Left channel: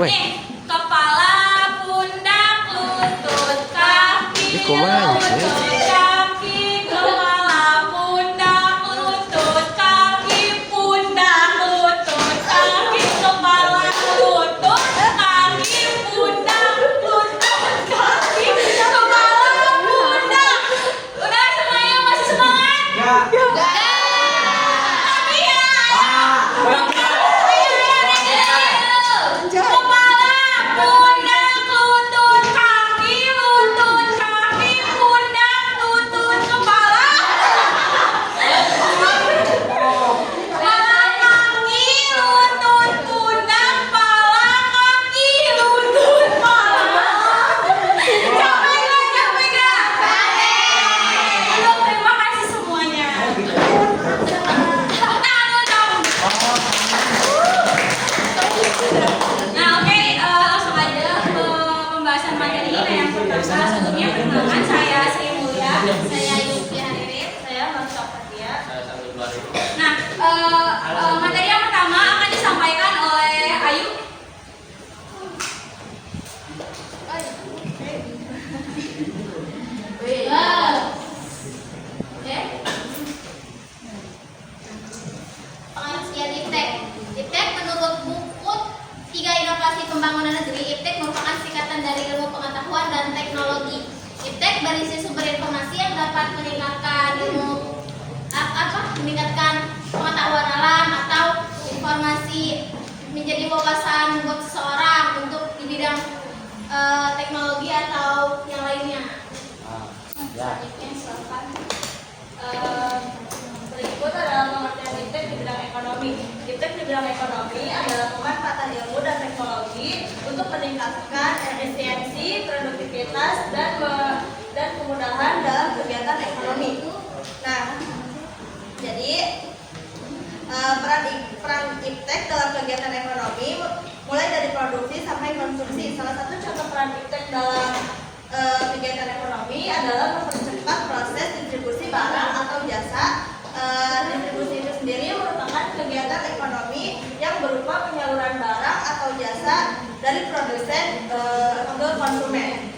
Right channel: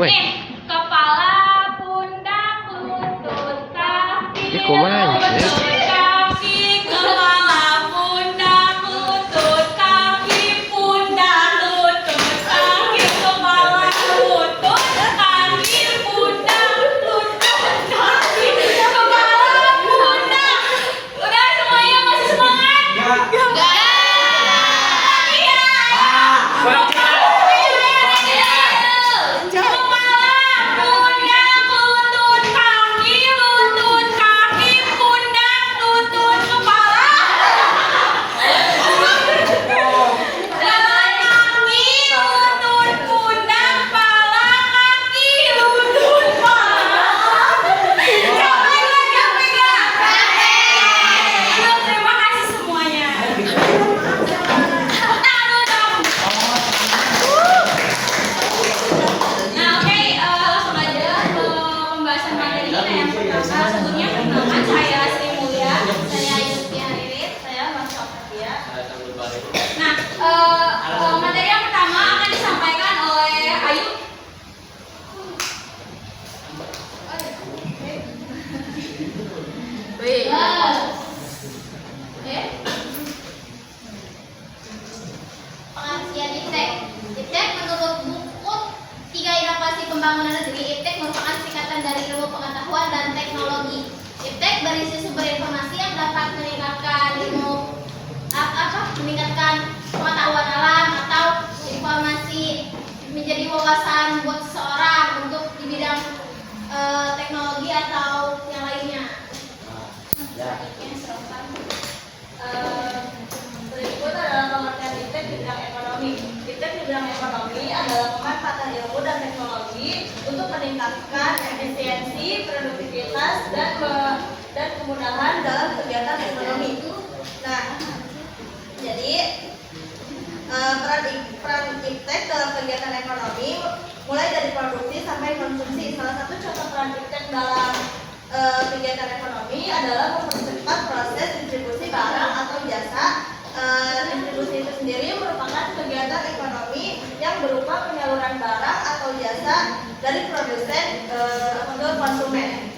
Weh, Kepala, pundak, lutut, kaki, ini kumaha sih? kaki, kepala, pundak, lutut, kaki, pundak, lutut, kaki, kepala, lutut, kaki, pundak, lutut, kaki, kepala, pundak. Udah semuanya masih semangat? Enggak. Terima kasih semuanya. Nah, oke, langsung aja ke pembahasan materi kita yang pertama. Sebelumnya perkenalkan, saya Sri Mulya, saya Yusfi Haririt, saya Masya Fatia. Nah, materi yang pertama akan disampaikan oleh Ayu. Pengasihan IPTEK. IPTEK menurut buku 3 Inovasi Pembangunan Negeri, IPTEK merupakan singkatan dari Ilmu Pengetahuan dan Teknologi. IPTEK berisi sumber informasi yang dapat meningkatkan pengetahuan alam atau informasi menjadi wawasan buat seseorang untuk di bidang teknologi atau yang lainnya. Selanjutnya silakan. Berikut adalah pengertian IPTEK di bidang ekonomi. IPTEK di bidang ekonomi adalah pemanfaatan ilmu dan teknologi untuk meningkatkan efisiensi, produktivitas, dan kemudahan dalam kegiatan ekonomi. Nah, jadi peran IPTEK dalam kegiatan ekonomi mulai dari produksi sampai konsumsi. Salah satu contoh peran IPTEK dalam kegiatan ekonomi adalah mempercepat proses distribusi barang atau jasa. Distribusi itu sendiri merupakan kegiatan ekonomi yang berupa penyaluran barang atau jasa dari produsen ke konsumen.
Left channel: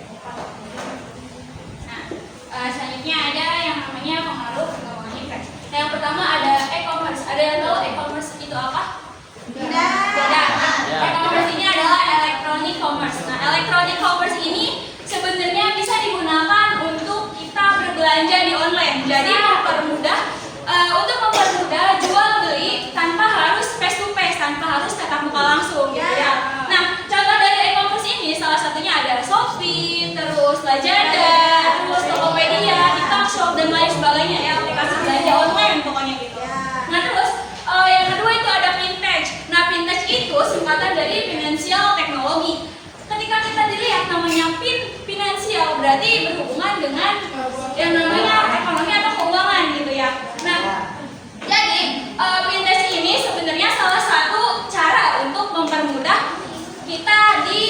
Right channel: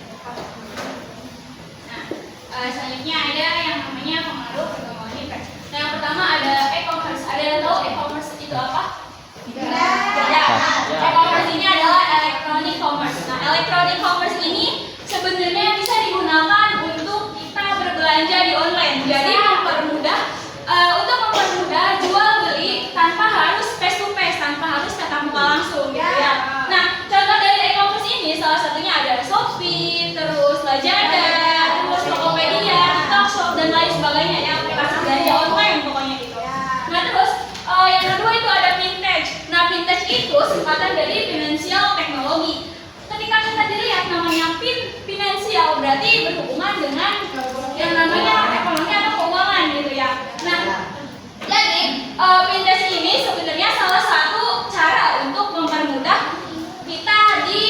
Nah, selanjutnya ada yang namanya pengaruh perkembangan IPTEK. Nah, yang pertama ada e-commerce. Ada yang tahu e-commerce itu apa? Tidak. E-commerce ini adalah electronic commerce. Nah, electronic commerce ini sebenarnya bisa digunakan untuk kita berbelanja di online. Jadi untuk mempermudah jual beli tanpa harus face to face, tanpa harus tatap muka langsung gitu ya. Nah, contoh dari e-commerce ini salah satunya ada Shopee, terus Lazada, terus Tokopedia, TikTok Shop dan lain sebagainya ya, aplikasi belanja online pokoknya gitu. Nah, terus yang kedua itu ada fintech. Nah, fintech itu singkatan dari financial technology. Ketika kita dilihat namanya finansial berarti berhubungan dengan yang namanya ekonomi atau keuangan gitu ya. Nah, jadi fintech ini sebenarnya salah satu cara untuk mempermudah kita jadi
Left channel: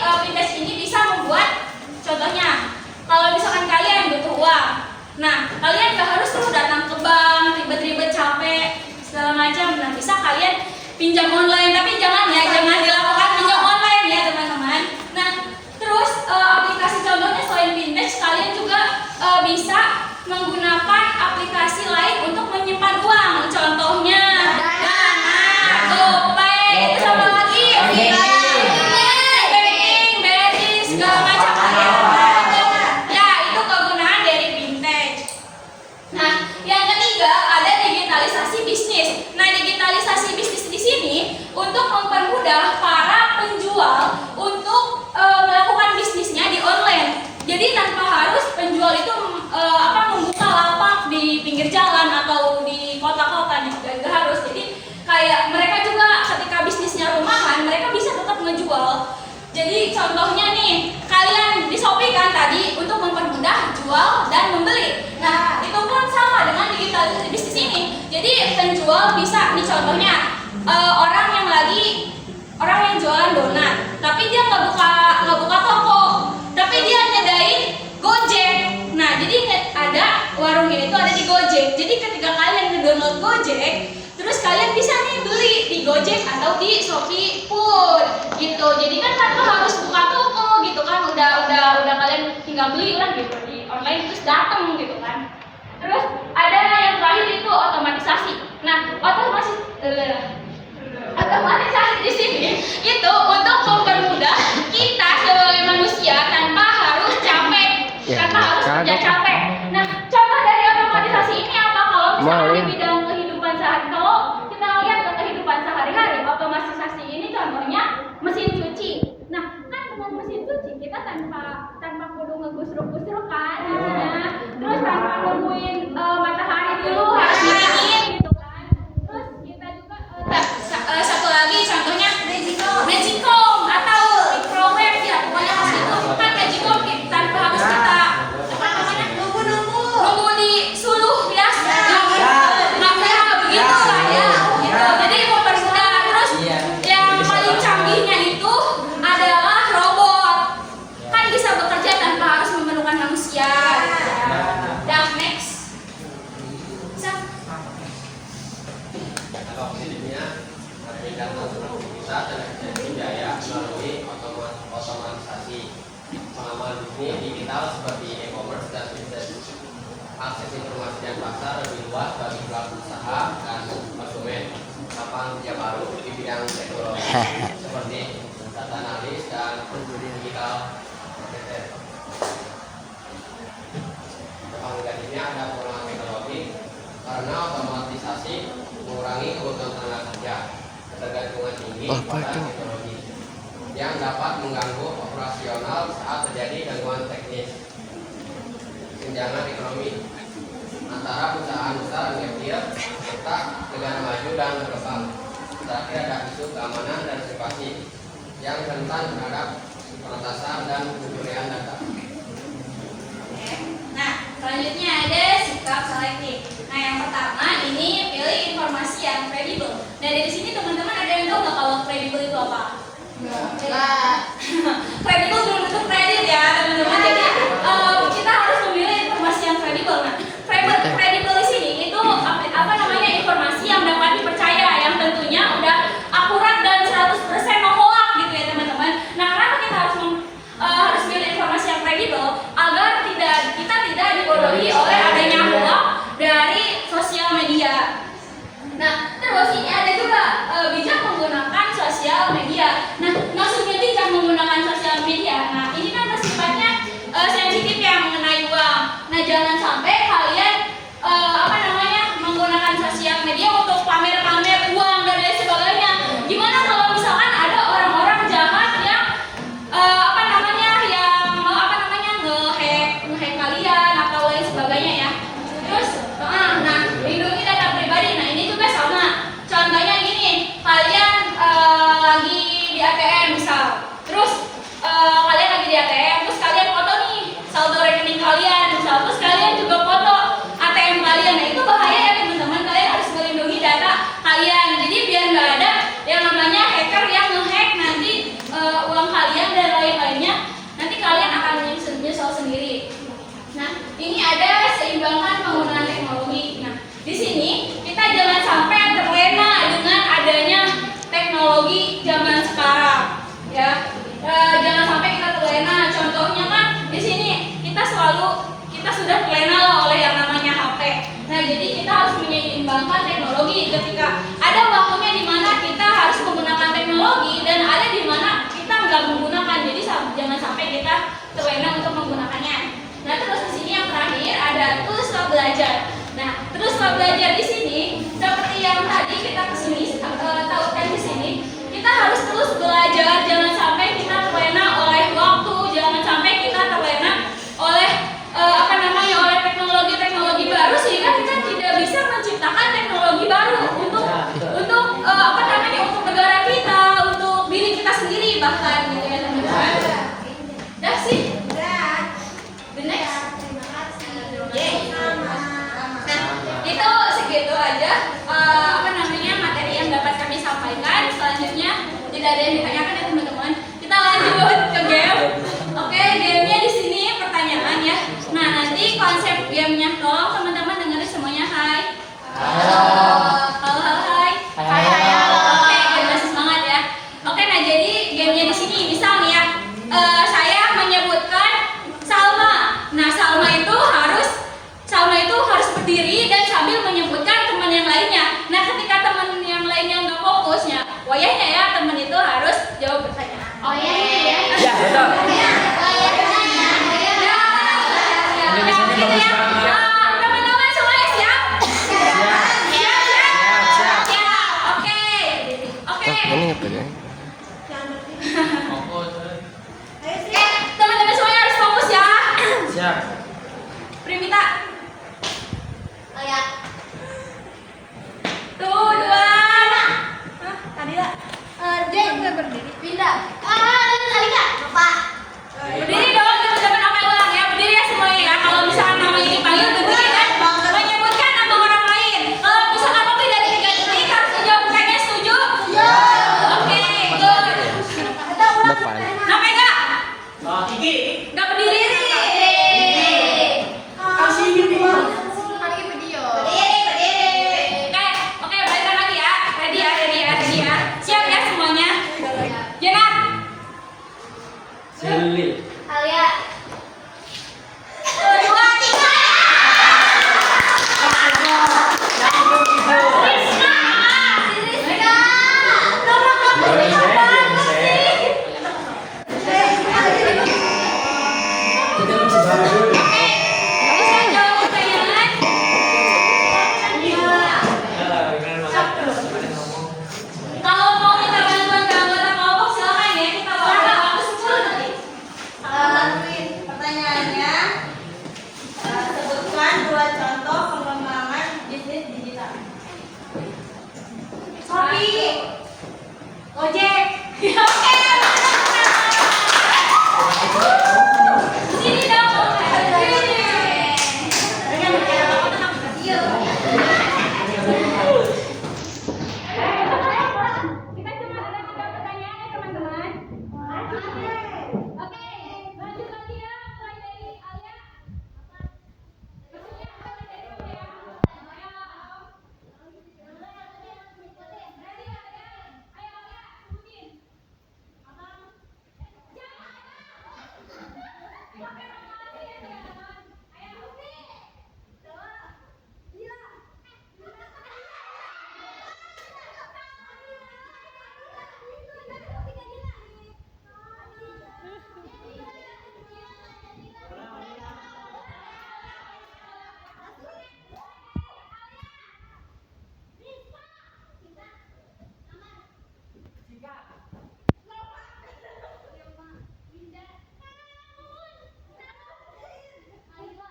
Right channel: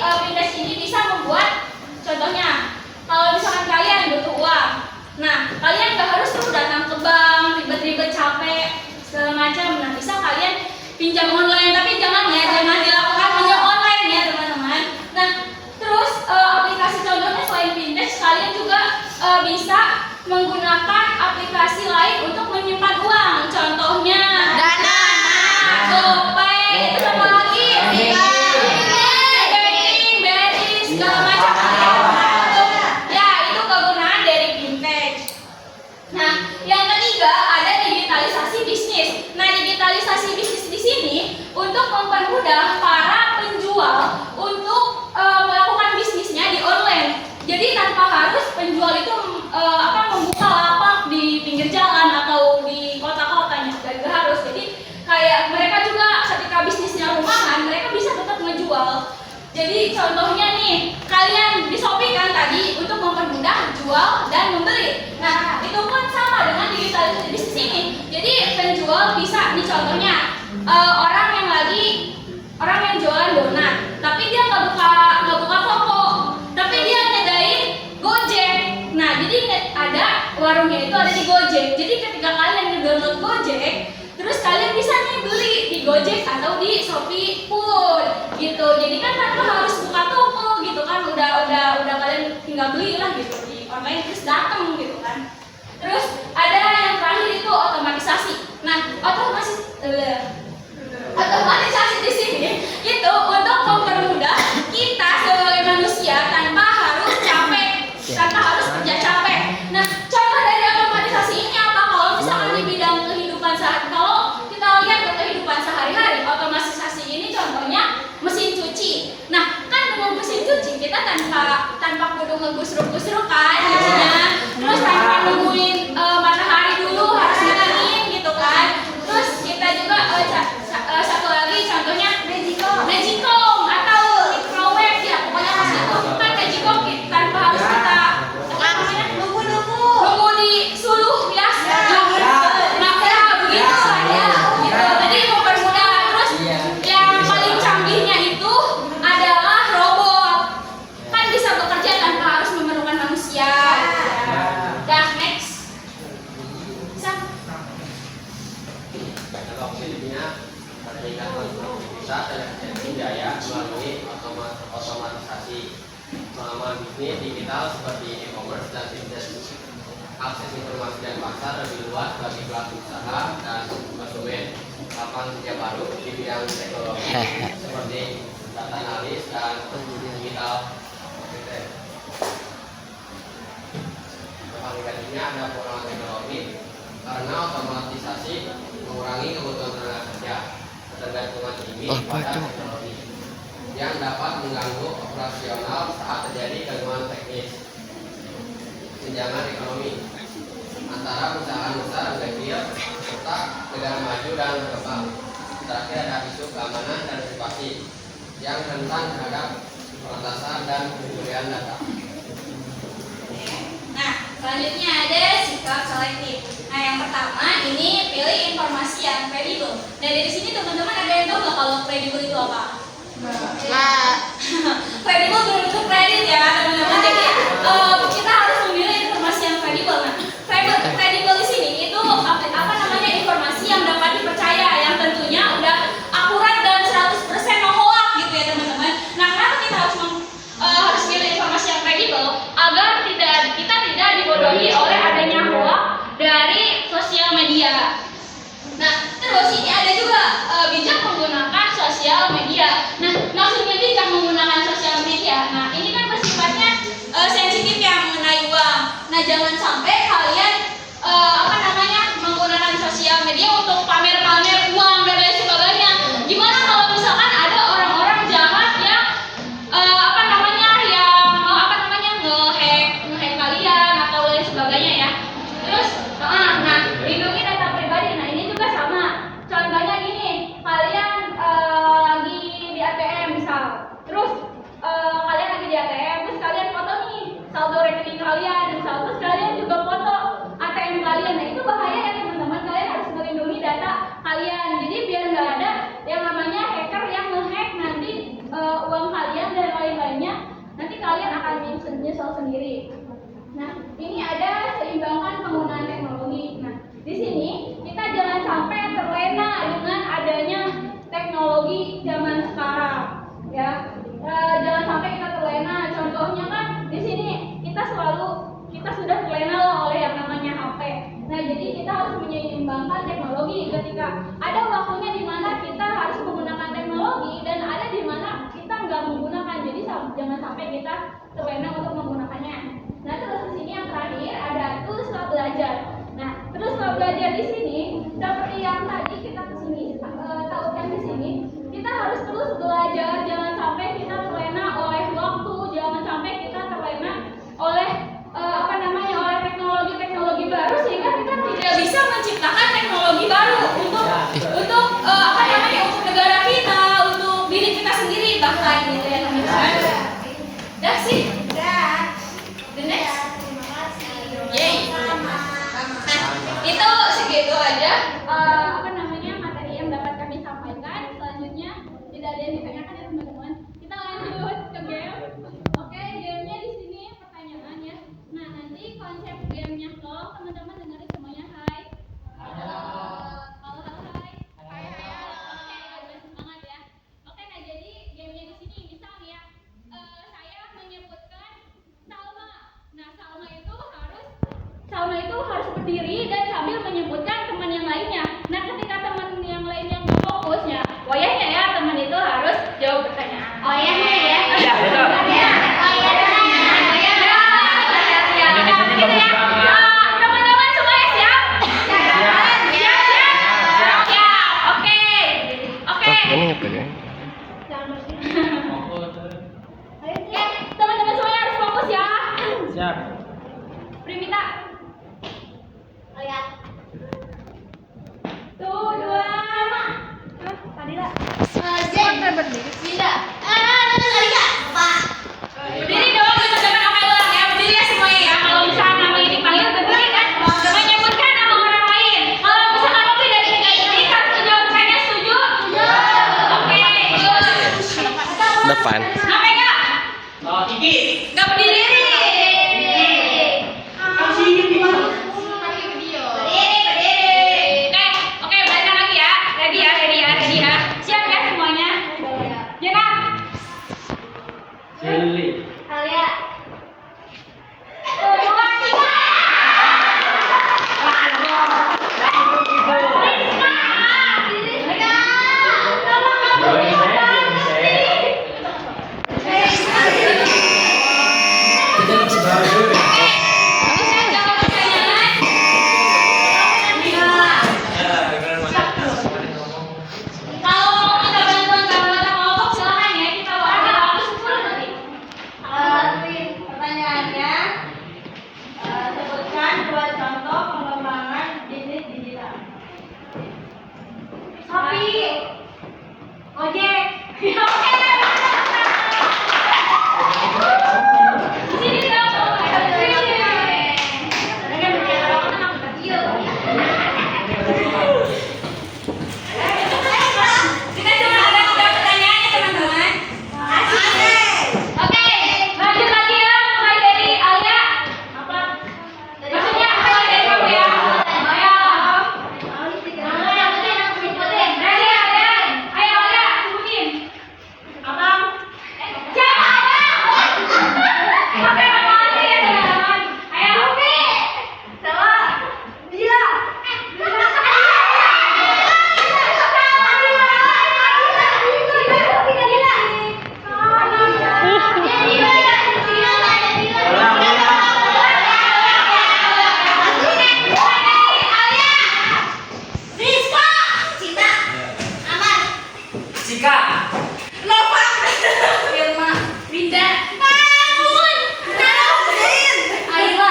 fintech ini bisa membuat contohnya kalau misalkan kalian butuh uang, nah kalian gak harus tuh datang ke bank ribet-ribet capek segala macam. Nah, bisa kalian pinjam online, tapi jangan dilakukan pinjam online ya teman-teman. Nah, terus aplikasi contohnya selain fintech, kalian juga bisa menggunakan aplikasi lain untuk menyimpan uang. Contohnya Dana, GoPay, itu apa lagi? Banking, BRI, segala macam ya, itu kegunaan dari fintech. Nah, yang ketiga ada digitalisasi bisnis. Nah, digitalisasi bisnis di sini untuk mempermudah para penjual untuk melakukan bisnisnya di online. Jadi tanpa harus penjual itu membuka lapak di pinggir jalan atau di kota-kota juga nggak harus. Jadi kayak mereka juga ketika bisnisnya rumahan, mereka bisa tetap ngejual. Jadi contohnya nih, kalian di Shopee kan tadi untuk mempermudah jual dan membeli. Nah, itu pun sama dengan digitalisasi bisnis ini. Jadi penjual bisa, nih contohnya orang yang jualan donat, tapi dia nggak buka toko, tapi dia nyediain Gojek. Nah, jadi ada warungnya itu ada di Gojek. Jadi ketika kalian ngedownload Gojek, Terus kalian bisa nih beli di Gojek atau di Shopee pun gitu. Jadi kan tanpa harus buka toko gitu kan, udah kalian tinggal beli lah gitu di online terus datang gitu kan. Terus ada yang terakhir itu otomatisasi. Nah, otomatisasi di sini itu untuk mempermudah kita sebagai manusia tanpa harus capek, tanpa harus kerja capek. Nah, contoh dari otomatisasi ini apa? Kalau misalkan di bidang kehidupan kalau kita lihat ke kehidupan sehari-hari, otomatisasi ini contohnya mesin cuci. Nah, kan dengan mesin cuci kita tanpa kudu ngegusruk-gusruk kan cucinya, terus tanpa nungguin matahari dulu harus dingin gitu kan. Terus kita juga satu lagi contohnya magicom atau microwave ya, pokoknya mas itu kan magicom tanpa harus kita apa namanya nunggu di suluh ya, makanya begitu lah ya gitu. Jadi mempermudah. Terus yang paling canggihnya itu adalah robot, kan bisa bekerja tanpa harus memerlukan manusia. Dah next. Kalau opsinya peningkatan produktivitas dan efisiensi biaya melalui otomatisasi pengamal bisnis digital seperti e-commerce dan bisnis akses informasi dan pasar lebih luas bagi pelaku usaha dan konsumen. Lapangan kerja baru di bidang teknologi seperti data analis dan digital marketing. Dampak negatifnya ada pengurangan teknologi karena otomatisasi mengurangi kebutuhan tenaga kerja, ketergantungan tinggi pada teknologi yang dapat mengganggu operasional saat terjadi gangguan teknis. Kesenjangan ekonomi antara perusahaan besar dan kecil serta negara maju dan berkembang. Terakhir ada isu keamanan dan privasi yang rentan terhadap peretasan dan pencurian data. Nah, selanjutnya ada sikap selektif. Nah, yang pertama ini pilih informasi yang kredibel. Nah, dari sini teman-teman ada yang tahu nggak kalau kredibel itu apa? Ya, kredibel belum tentu kredit ya teman-teman. Jadi kita harus memilih informasi yang kredibel. Nah, kredibel di sini itu apa namanya informasi yang dapat dipercaya, yang tentunya udah akurat dan 100% no hoax gitu ya teman-teman. Nah, kenapa kita harus pilih informasi yang kredibel agar kita tidak dibodohi oleh adanya hoax dari sosial media. Nah, terus ini ada juga bijak menggunakan sosial media. Nah, maksudnya bijak menggunakan sosial media. Nah, ini kan bersifatnya sensitif ya mengenai uang. Nah, jangan sampai kalian menggunakan sosial media untuk pamer-pamer uang dan lain sebagainya. Gimana kalau misalkan ada orang-orang jahat yang nge-hack kalian atau lain sebagainya ya. Terus lindungi data pribadi. Nah, ini juga sama. Contohnya gini, kalian lagi di ATM misal. Terus kalian lagi di ATM, terus kalian foto nih saldo rekening kalian misal. Terus kalian juga foto ATM kalian. Nah, itu bahaya ya teman-teman. Kalian harus melindungi data kalian. Jadi biar nggak ada yang namanya hacker yang nge-hack nanti uang kalian dan lain-lainnya. Nanti kalian akan menyesal sendiri. Nah, ini ada seimbangkan penggunaan teknologi. Nah, di sini kita jangan sampai terlena dengan adanya teknologi zaman sekarang, ya. Jangan sampai kita terlena. Contohnya kan di sini kita sudah terlena oleh yang namanya HP. Nah, jadi kita harus menyeimbangkan teknologi. Ketika ada waktunya di mana kita harus menggunakan teknologi dan ada di mana kita nggak menggunakan. Jadi jangan sampai kita terlena untuk menggunakannya. Nah, terus di sini yang terakhir ada tools belajar. Nah, terus belajar di sini seperti yang tadi kita kesini tautkan di sini, kita harus terus belajar. Jangan sampai kita terlena oleh waktu, jangan sampai kita terlena oleh oleh teknologi baru sehingga kita tidak bisa menciptakan teknologi baru untuk negara kita, untuk diri kita sendiri bahkan gitu ya teman-teman. Dah sih. The next. Nah, itu segitu aja materi yang dapat kami sampaikan. Selanjutnya tidak ada yang ditanyakan ya teman-teman. Silvi. Alia. 1, 2, 3. Kalau mau minta bantuan ke anggota kelompok silakan ya, kita bakal ada waktu 10 detik. Pertanyaannya, sebutkan 2 contoh pengembangan bisnis digital. Shopee, Gojek. Oke. Sini dong. Kita cuma ada 3 pertanyaan ya teman-teman. Oke, lanjut lagi ya, mulai dari Alia. Maksudnya mulai dari kamu ya. Ayo. Ready Alia? Ayo Alia, sebutin. Abang. Siapa Abang? Oke, makasih ya teman-teman. Ayo. Sama. Bila. Cika. Irma, Winda, Ayla,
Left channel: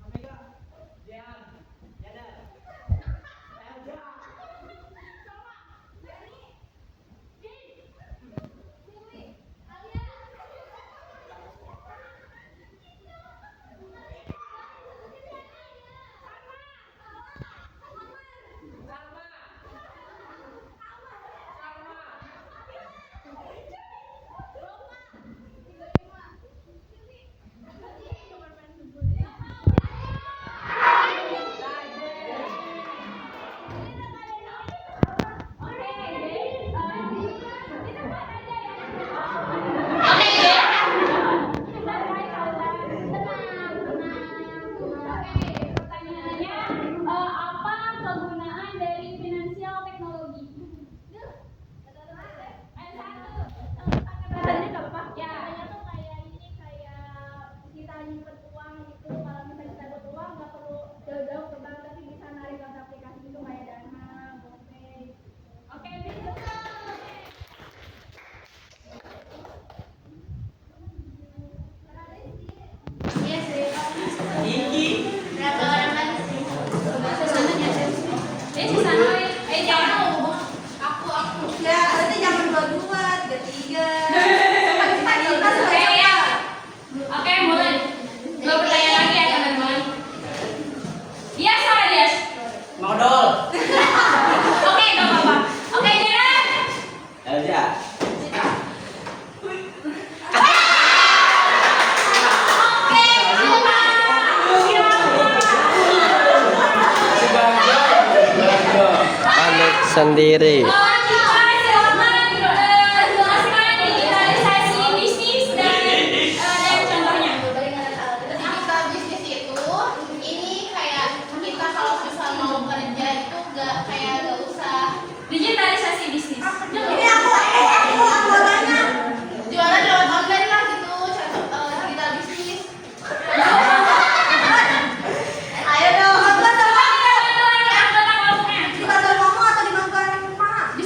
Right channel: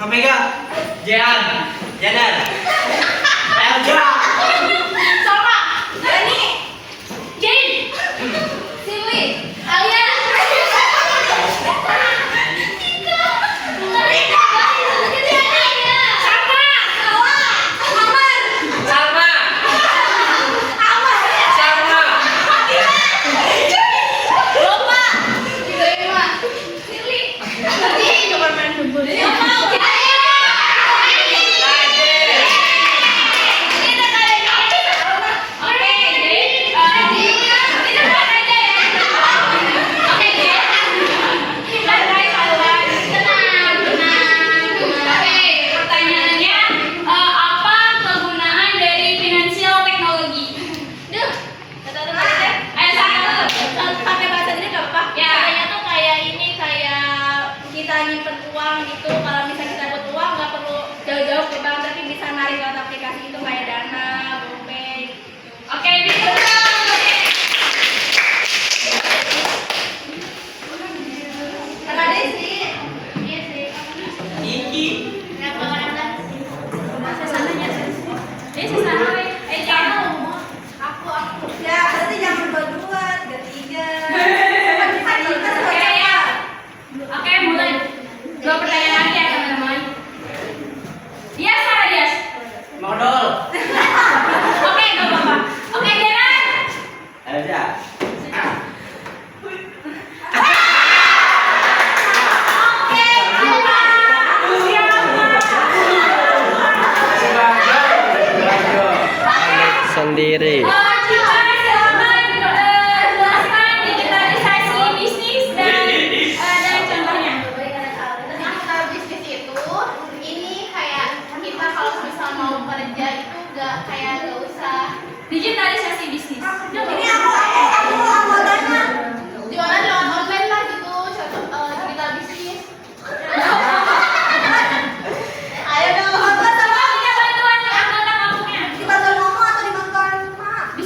Omega. Jean. Janar. Elja. Salma, Dani, Jane, Silvi, Alia, Salma, Amar, Salma. Salma. Loma, Irma, Sirli, Roma, pertanyaannya, apa kegunaan dari finansial teknologi? Ayo satu. Pakai bahasa Inggris nggak apa-apa. Ya. Katanya tuh kayak ini, kayak kita nyimpen uang gitu. Kalau misalnya kita butuh uang nggak perlu jauh-jauh ke bank, tapi bisa narik lewat aplikasi itu kayak Dana, GoPay. Oke, bisa. Karena deh sih, iya sih. Iki. Berapa orang kan sih? Aku. Ya, berarti jangan 2-2, 3-3. Oke, mulai. 2 pertanyaan lagi ya teman-teman. Dias mana Dias? Modal. Oke, nggak apa-apa. Oke, Diana. Elja. Sendiri. Cika, silakan jelaskan digitalisasi bisnis dan contohnya. Digital bisnis itu, ini kayak kita kalau misal mau kerja itu nggak usah Digitalisasi bisnis. Ini aku jualan lewat online lah gitu, contoh digital bisnis. Ayo dong. Bantuan anggota kelompoknya. Di pasar ngomong atau di bangkuan rumah? Di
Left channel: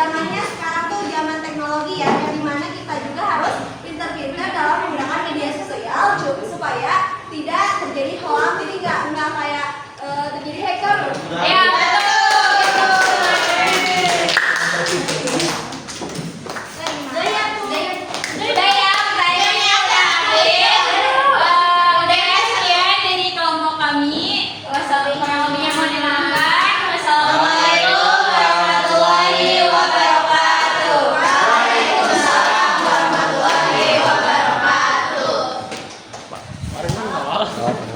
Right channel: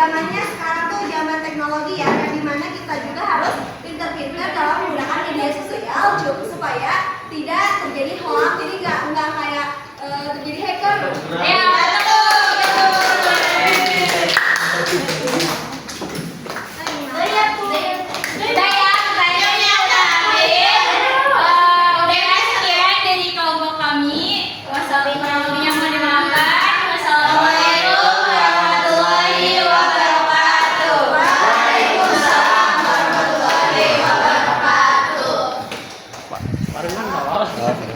zamannya sekarang tuh zaman teknologi ya, yang dimana kita juga harus pintar-pintar dalam menggunakan media sosial supaya tidak terjadi hoax, jadi nggak kayak terjadi hacker. Ya,